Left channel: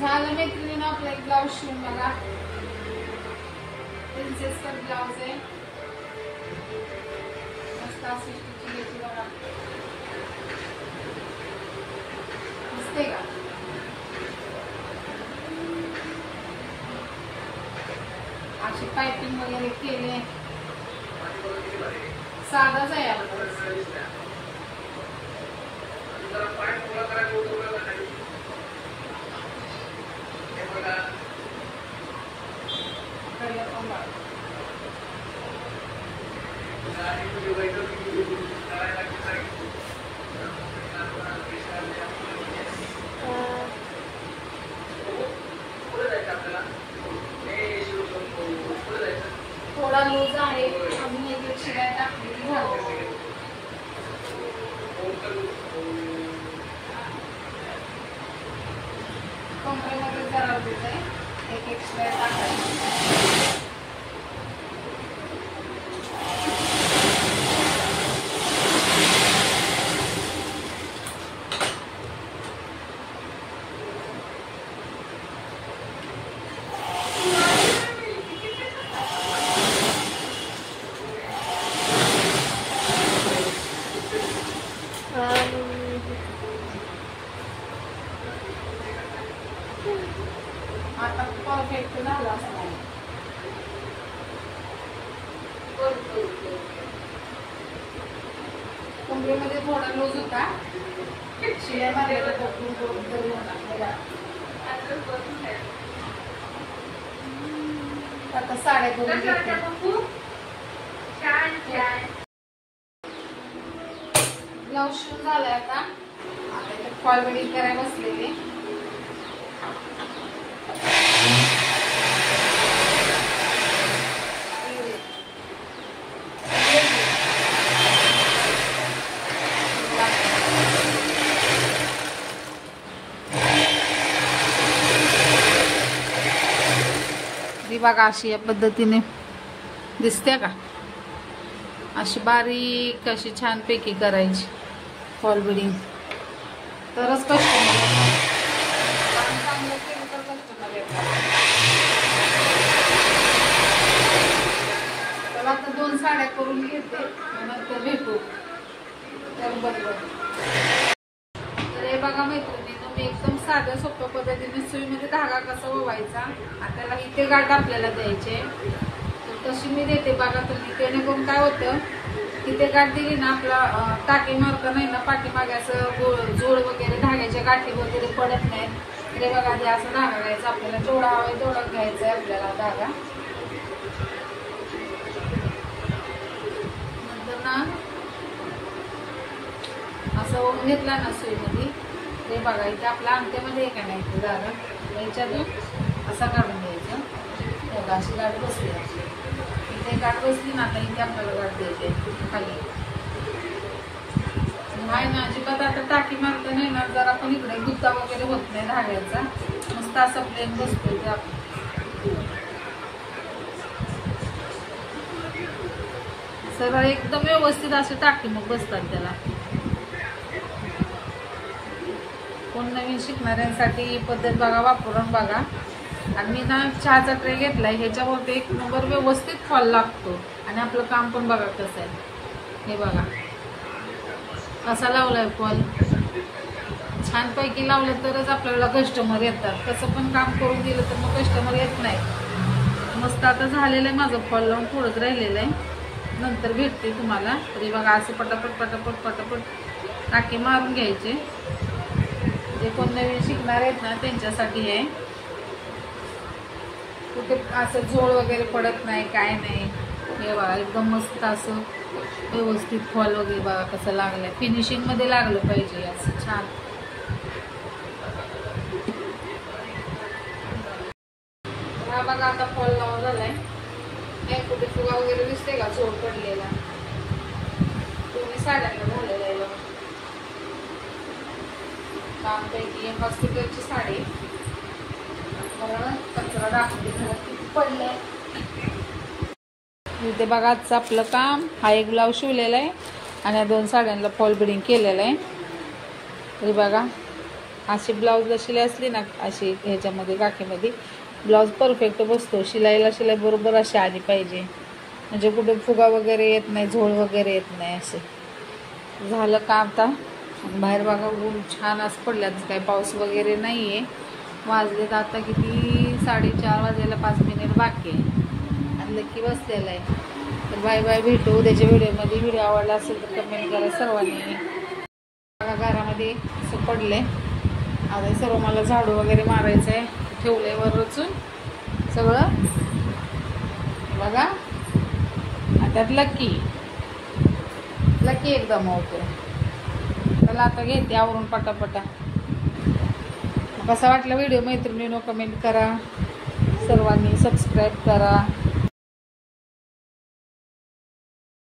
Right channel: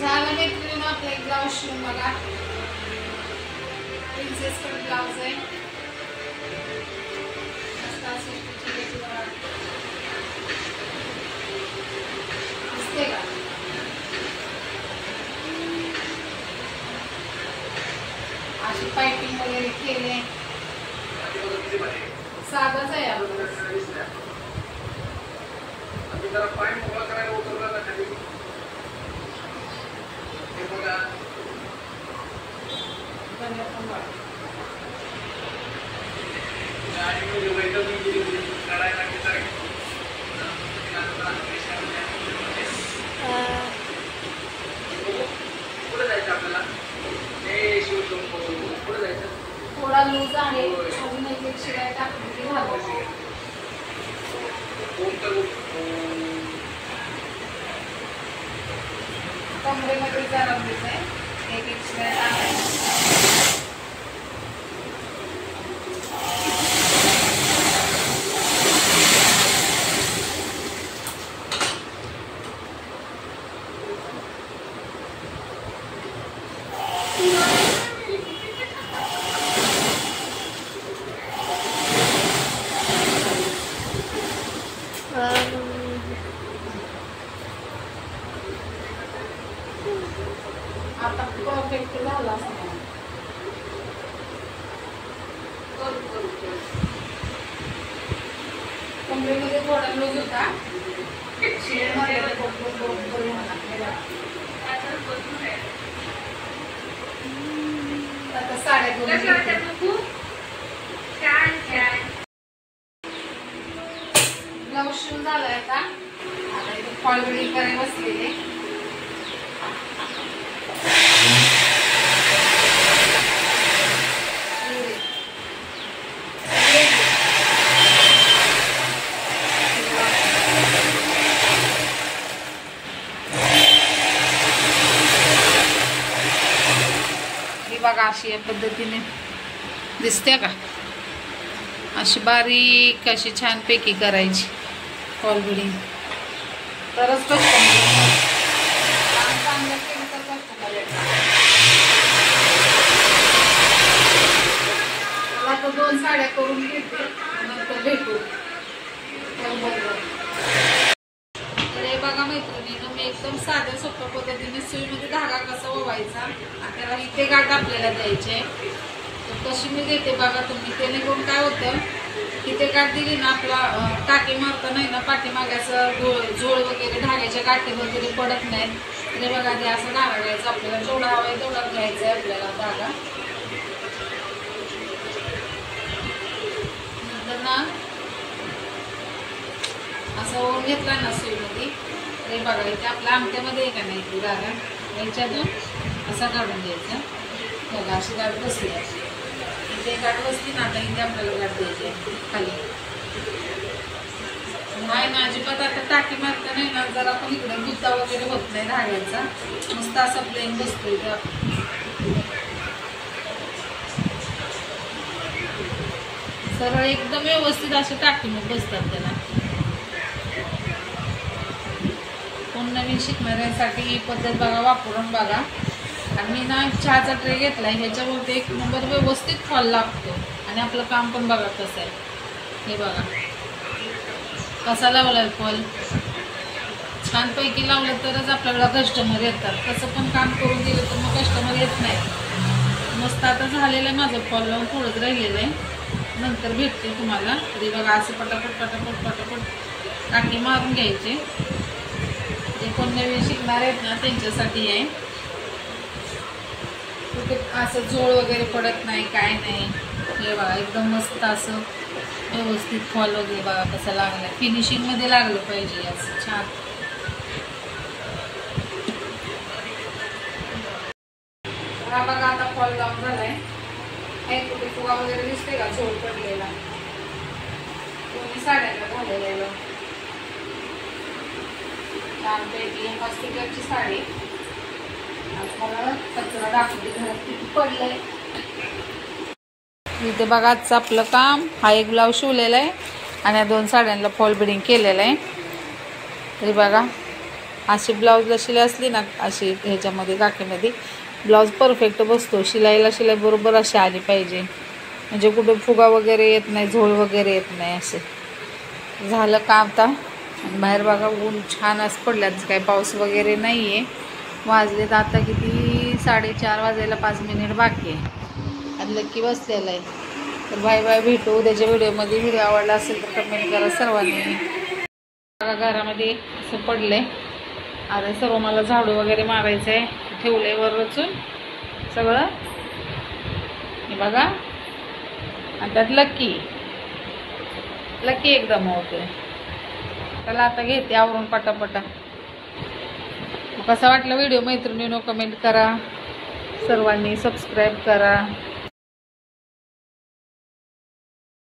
झालं मैत्रिणीनं आपला एक ब्लाऊज शिवून बघा. प्रिन्सेस कट ब्लाऊज आहे. मस्त अशी स्टिचिंग याची बघा. दिसते का? अशी पाइपिंग वगैरे केले. साधाच आहे आपलं. थोडा लूज आहे. अजून एक शिवाय टाकली झालं. कमरेमध्ये जरा लूज आहे. एक शिवाय टाकायचं. आता परफेक्ट झाला असणार. कमरेमध्ये थोडा लूज होता. शिलाई मारलेला आता साड्या ब्लाऊज शिवून झालाय. आता इथे फॉल वेडिंग करायला बसलेले. बघा अशी या पद्धतीने दिसते का? अशी बारीक अशी छानपैकी करायची फॉल बिडिंग. तरच चांगलं केलं तर कस्टमर येतात. मला आता 2 साड्या करून घेते. नंतर भेटू. बघा मैत्रिणीनं मी एकदम साध्या सोप्या पद्धतीने सुईमध्ये धागा कसा ओवायचा आणि त्याला इथे गाठ आपल्याला द्यायचे. तर तशी मी देते बघा तुम्ही. त्याने पण काय होतं, इथे गाठ दिली ना आपला टाकी मारता नाही ना पाठीमागे असं जोड वगैरे धाग्याच्या गाठी वगैरे पडत नाहीत. तर बघा ते असं धागा घ्यायचा आपल्याला. जेवढा हवा आहे तेवढा घ्यायचा आहे आपल्याला धागा. नंतर ना असं ओवून घेतला ना सुईमध्ये. ते बघा इथे आपल्या अंगठ्यामध्ये आहे का नाही तो धागा, याच्यातून असा काढून द्यायचा. बघा अशी गाठ बसली. अशी इथे गाठ बसली ना. आता इथे आपल्याला गाठ द्यायची आहे खाली. नाही ना अजिबात आता टाकी मारता नाही ना. जरा पण इकडे गुत्ता वगैरे होत नाही धाग्याचा. मस्त असा प्लेन बसतोय ते. सरळ एकदम व्यवस्थित असे टाकी मग बसतात त्याला. कोण नवीन शिकणाऱ्यांसाठी ही पद्धत बघा वापरून बघा. आणि मी ना चहाचा ट्रे घेतलाय. ह्याच्यावरती 1 नंबर व्यवस्थित फॉल लागतो. आणि आपलं काम पण बघा कसं आहे. हे बघा कसा लावलाय फॉल. छानपैकी लावलं तरच आपल्याला कस्टमर येतात. कसं पण काम करून दिलं तर मग कस्टमर येत नाही. मस्त आता झालेलं आहे माझं फॉल लावून. थोडंच राहिलेलं आहे. नंतर भेटते तुम्हाला. तरी बघा असे पटापट पटापट पटापट टाके मारून घ्यायचे. जे कोण नवीन शिकणार आहेत ना त्यांच्यासाठी आहे. कुठे असं जोड वगैरे पडत नाही काय नाही. हे बघा एकदम मस्त असं व्यवस्थित फॉल वगैरे बघा कसं लागलं. फिनिशिंगमध्ये लागलं पाहिजे असं छान. हा बघा आता फॉल लावून झालाय. एक कुठे फुगा वगैरे दिसते का जोड पडलेला. तुम्ही साड्यांना झालेला आहे. आमच्या हॉस्पिटलची साडी मला कचरा दाखवली घरात किती पडलंय. इथे बघा आजचं आपलं काम. हा एक ब्लाऊज शिवलेला आहे. आणि या 2 साड्यांना फॉल बिडिंग केलेलं आहे. तरी बघा अशी ब्लाऊजला शिलाई असली ना, अशी ह्याच्यामध्ये काकीमध्ये ब्लाऊज परफेक्ट बसतो. शिलाई बरोबर अशी आली पाहिजे, म्हणजे कुठे फुगा वगैरे येत नाही, झोळ वगैरे येत नाही. असे झालं का आता. आणि बाहेर बघा ऊन छान असं पडल्यात, काही पाऊस वगैरे नाही आहे. वाजलेत आता किती 4:30 वाजायला 5 मिनिट बाकी आहे. आणि लक्की बसलेला आहे. तर बाय बाय, भेटू उद्याच्या व्हिडिओमध्ये. व्हिडिओ आवडला असेल तर कमेंट करा सर्वांनी. बघा घरामध्ये असं पडलं आहे. आता सर्व मला झाडू वगैरे मारायचं आहे. ठेवलं आहे वर रचून सगळं. हे बघा त्यात लक्की एकदम होतोय. त्याला आता घेते आवरून पटापटा. मग कसा वाटला व्हिडिओ मैत्रिणींनो कमेंट करा, सर्वांनी सबस्क्राईब करा.